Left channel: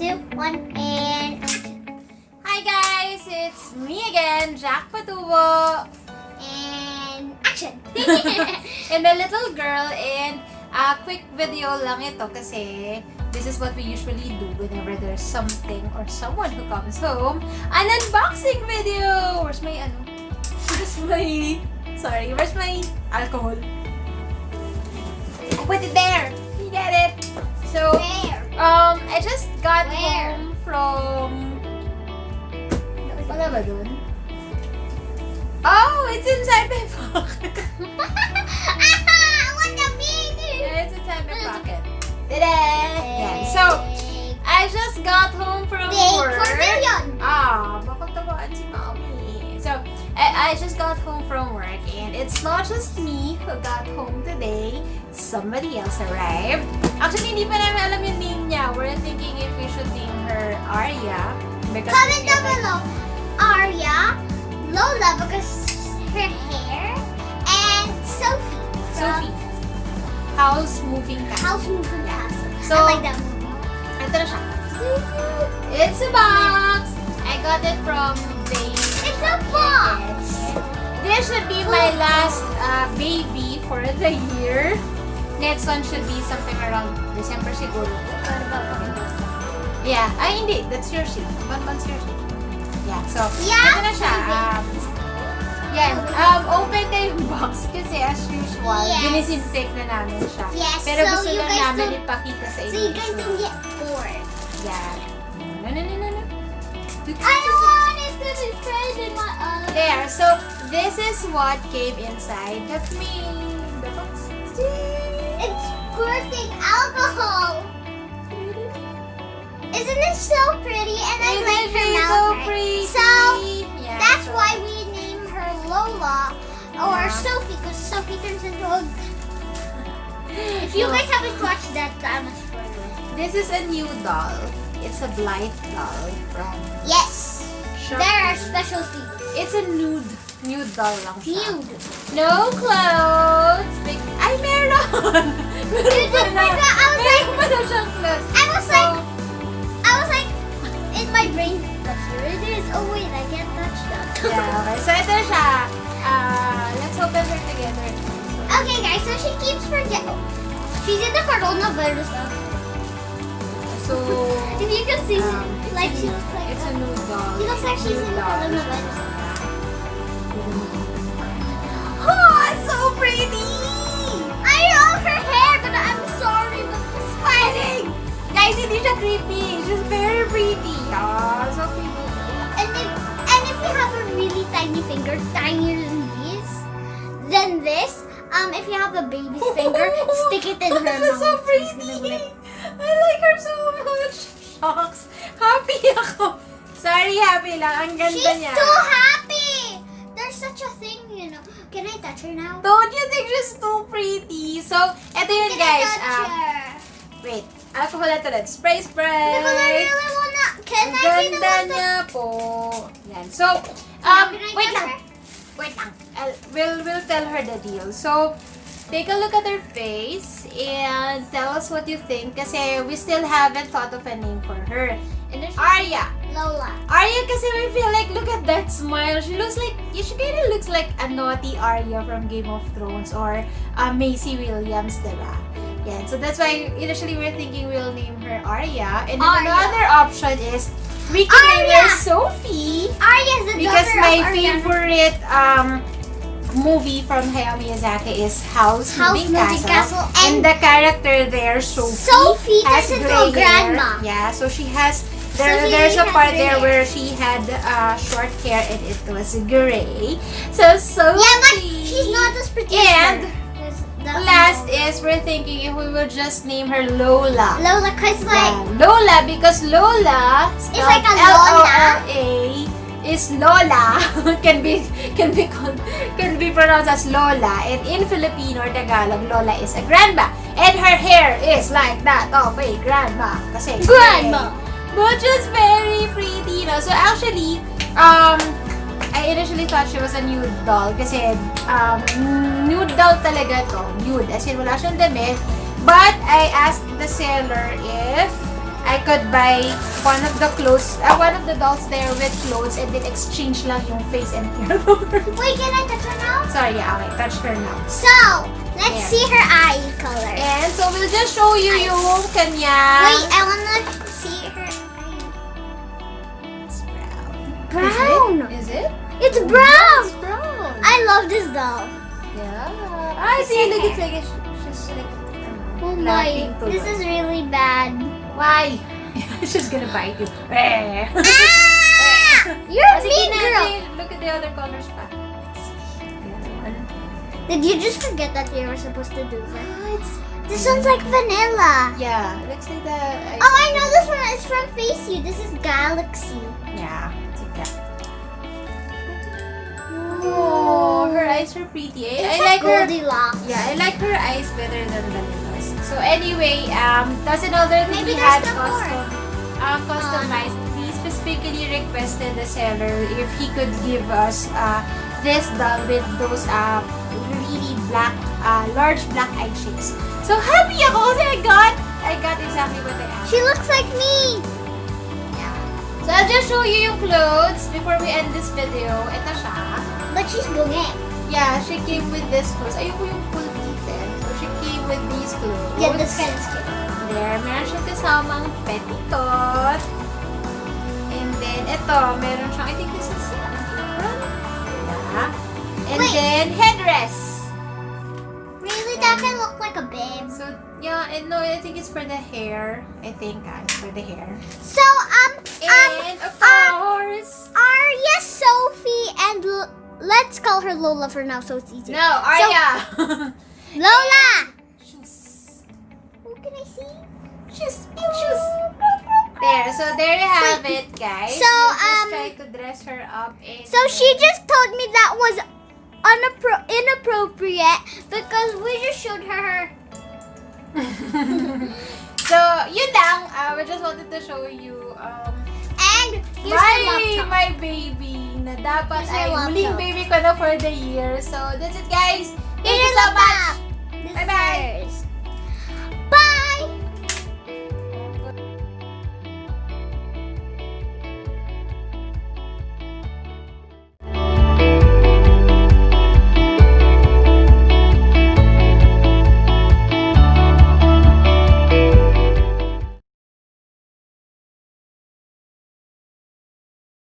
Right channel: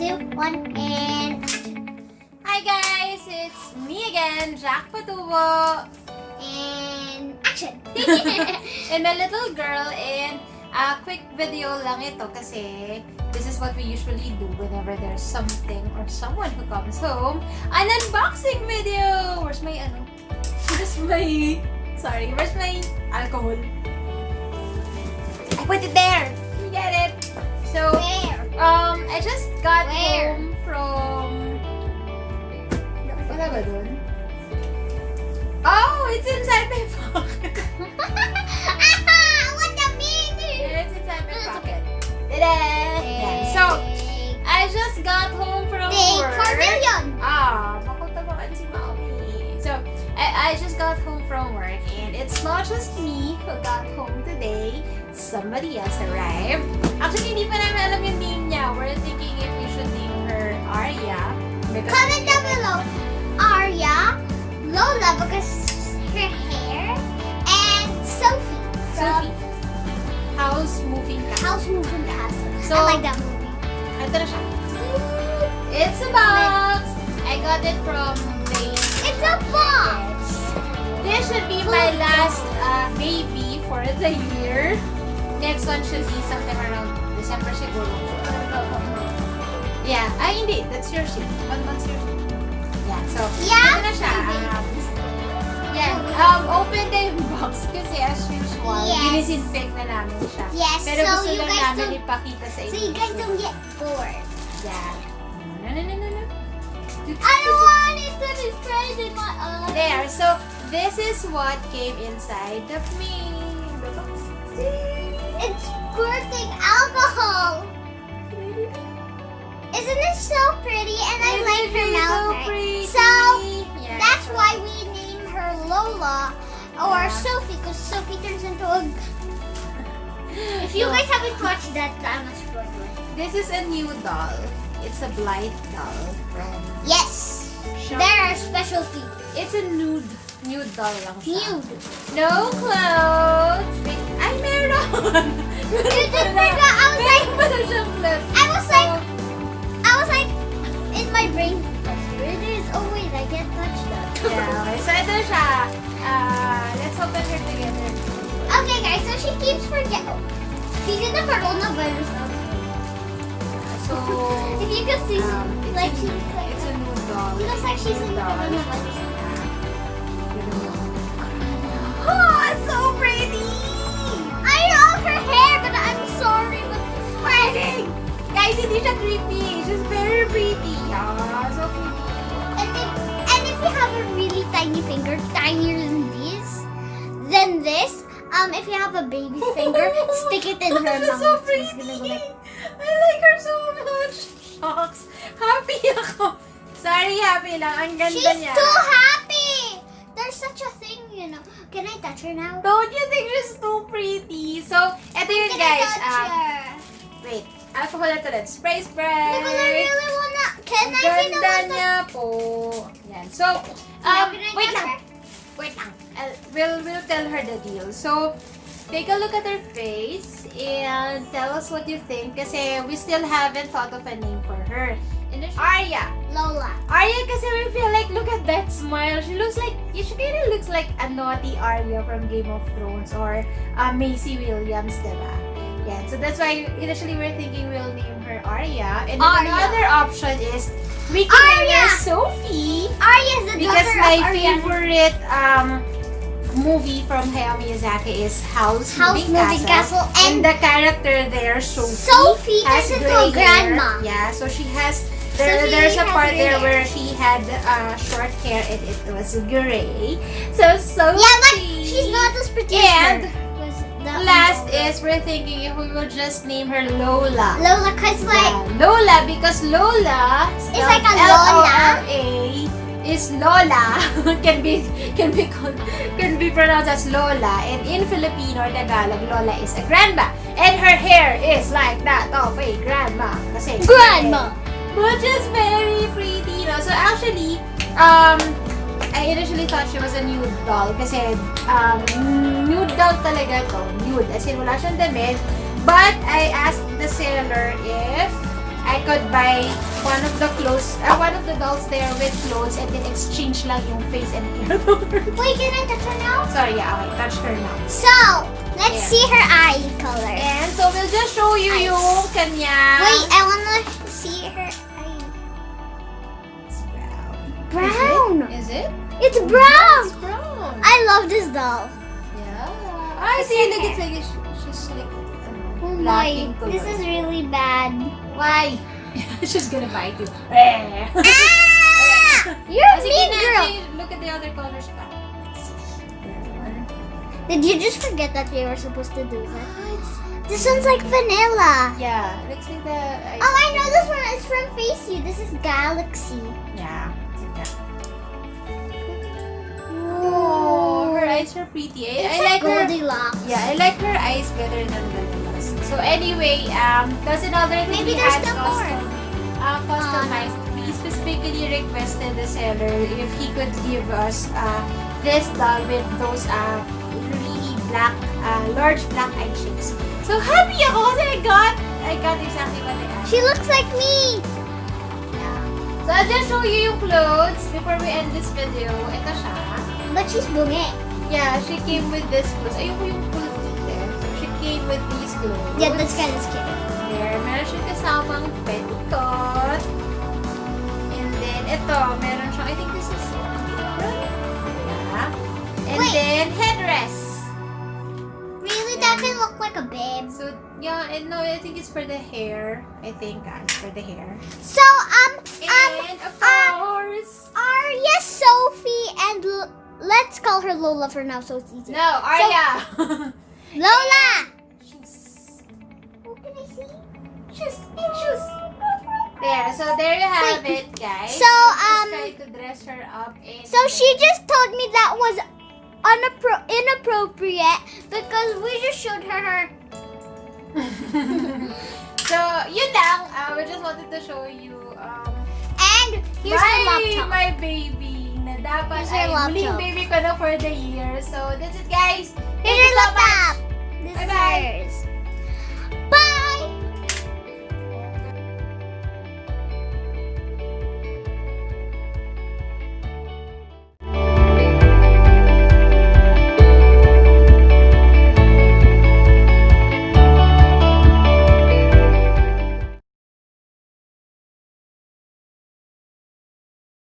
2, 1, and Hi guys, it's me again, Jack Patubo, and action! and a little girl, and a quick video lang ito kasi this is what we usually do whenever there's something or someone who comes home. An unboxing video! Where's my where's my alcohol? I put it there! You get it? So, Where? I just got Where? home from... Wala ba dun? Oh, it's inside my pocket. What the baby? Yeah, it's inside my pocket. Ta-da! Yan. So, I just got home from work. Bakit tamaan si Mommy? So, I just got home from work and it's not just me who got home today. Somebody else arrived. Actually, hindi pa namin alam yung name niya. We're thinking if we should name her Arya. Comment down below. Arya, Lola because her hair, and Sophie. Sophie. House Moving Castle. House Moving Castle. So, I like that movie. Ito na siya. It's a box! I got it from It's a box. This should be my last baby for the year. Next one should be something around December siguro. Yeah. Ay, hindi. That's your sheet. 1 month's your sheet. Yeah. So, Yeah, ito na siya. Yan. Open na yung box kasi as usual, Yes. dinisinfect na namin siya. Yes, Pero so gusto you lang guys namin don't- ipakita sa inyo. So you guys don't get bored. Yeah. No. I don't want it to be sprayed in my eye. There. So, this is what came inside the box. It's squirting alcohol. Isn't it so pretty? And I like her mouth. So right? pretty. So Yeah, that's so- why we name her Lola or Yeah. Sophie, because Sophie turns into a. If you guys haven't watched that, I'm a spoiler. This is a new doll. It's a Blythe doll from Yes, Shopee. there are special feet. It's a nude doll lang siya. Nude. No clothes. Ay, meron! Meron pala. I was like- Meron pala siyang clothes. I was like, in my brain, that's where it is. Oh wait, I can't touch that. Yeah, okay. So, ito siya. Let's open her together. Okay, guys, so she keeps forgetting. She's in the coronavirus outfit. So, If you can see, like she looks like it's a nude doll. She looks like she's in the Nude doll. coronavirus. Oh, it's so pretty! I love her hair, but I'm sorry, but it's sweating. Guys, hindi siya creepy. She's very pretty. So pretty. And if you have a really tiny finger, tinier than this, if you have a baby's finger, stick it in her She's mouth. so It's gonna go pretty. like- I like her so much. Shucks. Happy ako. Sorry, happy lang. Ang ganda She's niya. too happy. There's such a thing, you know. Can I touch her now? Don't you think she's too pretty? So, eto yun Can guys. I touch her? Wait. Alcohol ito ulit. Spray. Because I really wanna. Can Ang I see the ganda one that? niya po. Yan. So, Now, can I wait touch lang. her? Wait lang. We'll tell her the deal. So, take a look at her face and tell us what you think kasi we still haven't thought of a name for her. Arya. Lola. Arya kasi we feel like, look at that smile. She kind of looks like a naughty Arya from Game of Thrones or Macy Williams, diba? Yeah, so that's why initially we're thinking we'll name her Arya. And then Arya. another option is we can name her Arya. Sophie. Arya's the Because daughter my of Arya. favorite movie from Hayao Miyazaki is House Moving Castle. And the character there, Sophie has turns into a gray hair. grandma. Yeah, so she has, So she there's a has part gray there hair. where she had short hair and it was gray. So Sophie. Yeah, but she's not as pretty And as her. Because last is we're thinking if we would just name her Lola. Lola, cause like Yeah, Lola, because Lola It's like a Lola is Lola can be pronounced as Lola, and in Filipino or Tagalog, Lola is a grandma, and her hair is like that of a grandma. Kasi Grandma. which is very pretty, no? So actually, I initially thought she was a nude doll kasi nude doll talaga to. Nude, as in wala siyang damit. But I asked the seller if I could buy one of the dolls there with clothes and then exchange lang yung face and hair. Wait, can I touch her now? Sorry, yeah, okay, touch her now. So, let's There. see her eye color. And so we'll just show you Eyes. yung kanya. Wait, I wanna see her eye. It's Brown. Is it? It's brown. It's brown. I love this doll. Yeah. I see. Look, it's like she's like Oh my, laughing to this is really bad. Why? She's gonna bite you. Ah! You're a Sige mean na, girl. look at the other colors pa. Did you just forget that we were supposed to do this? This one's like vanilla. Yeah, looks like the. Oh, I know this one is from Face You. This is Galaxy. Yeah, take that. Oh, her eyes are pretty. I like her. Goldilocks. Yeah, I like her eyes better than Vanilla's. So anyway, that's another thing Maybe we there's had still more. customized. We specifically requested the seller if he could give us this doll with those really black, large black eye shapes. So happy ako kasi I got exactly what I asked. She looks like me. So I'll just show you yung clothes before we end this video. Ito siya. But she's bungi. Yeah, she came with this clothes. Ayoko yung full detail. So she came with these clothes. Yeah, this kind is cute. There, meron siya kasamang petticoat. And then, ito, meron siyang, I think this is an apron. Yeah. And Wait. then, headdress. Really, that can look like a babe. So, yeah, and no, I think it's for the hair. I think, it's for the hair. So, And, of course, Arya, Sophie, and let's call her Lola for now, so it's easy. no, Arya. Lola! Shoes. Oh, can I see? Shoes. Shoes. There, so there you have it, guys. So, Just try to dress her up. And So she just told me that was inappropriate because we just showed her. So, yun lang. We just wanted to show you And here's her laptop. my baby na dapat Here's her ay huling laptop. baby ko na for the year. So, that's it, guys. Thank Here's you her so much. laptop. This is Bye-bye. hers.